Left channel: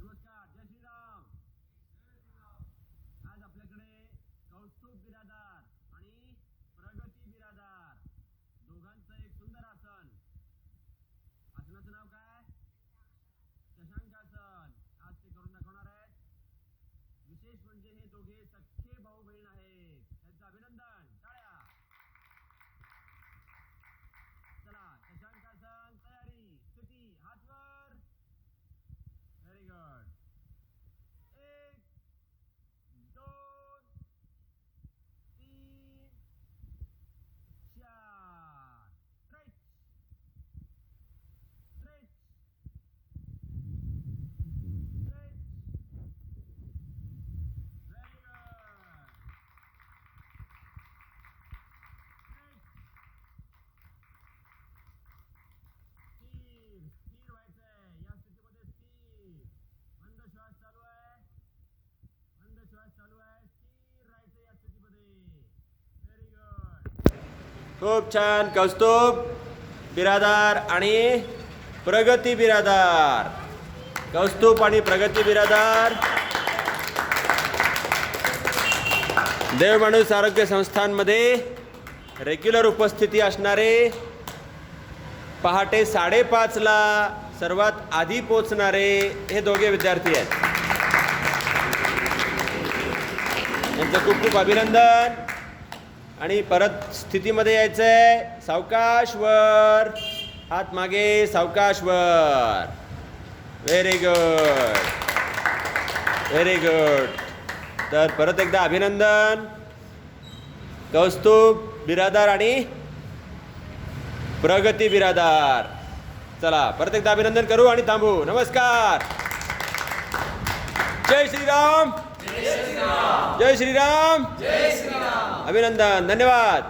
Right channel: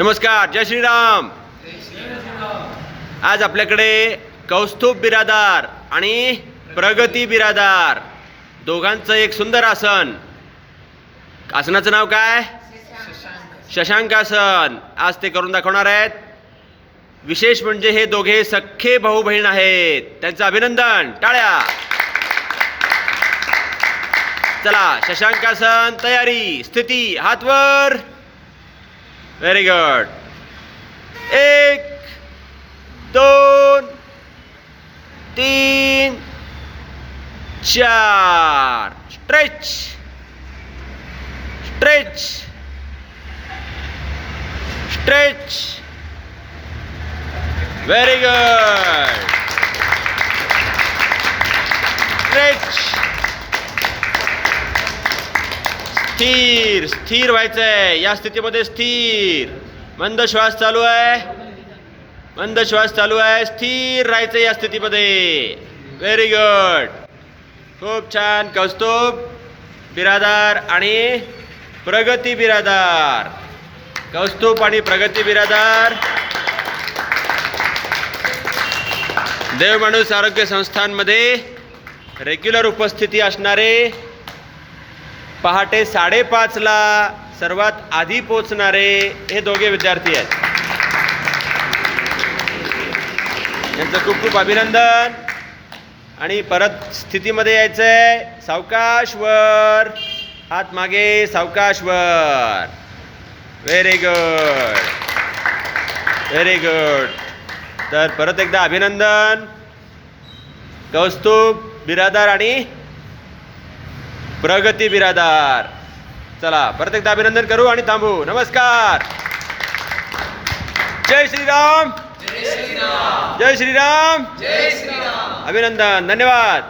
नमस्कार, जय श्रीराम। आज आपल्याकडे कौस्तुभ बिरादार आणि प्रगती बिरादार दोघांचं एक सुंदर आसन। आसनाचं नाव काय? शशांकासन। आज ते करून दाखवणार आहेत। विशेष म्हणजे हे दोघे सख्खे भाऊ बहीण आहेत। त्यांचं अभिनंदन, टाळ्या। चला, शशांकासन तयारी, स्थिती, हात वर। Very good. 1 2 3 4 stretch stretch stretch. Very good. Stretch. स्थिर स्थिर व्हायचंय या स्थितीमध्ये। स्थिर, मंद श्वास चालू आहे, मंद श्वास चालू आहे। स्थिर राहायचं या स्थितीमध्ये। व्हेरी गुड, खूप छान। कौस्तुभ बिरादार आणि प्रगती बिरादार। कौस्तुभ आणि प्रगती बिरादार देवमाणूस आरोग्य संस्थांमध्ये रेग्युलर उपस्थिती असणारे, पहाटे 5:30 ला सर्वात आधी पोचणारे हे दोघे विद्यार्थी आहेत। यांचं खूप खूप अभिनंदन। आणि परत स्थितीमध्ये यायचंय। सावकाश वर, हात मागे, सावकाश वर। Very good, very good. तर परत एकदा अभिनंदन, कौस्तुभ बिरादार आणि प्रगती बिरादार। चला, परत एकदा अभिनंदन करू आणि थांबू। नमस्कार, जय श्रीराम, जय श्रीराम, जय श्रीराम, जय श्रीराम। अभिनंदन, धन्यवाद।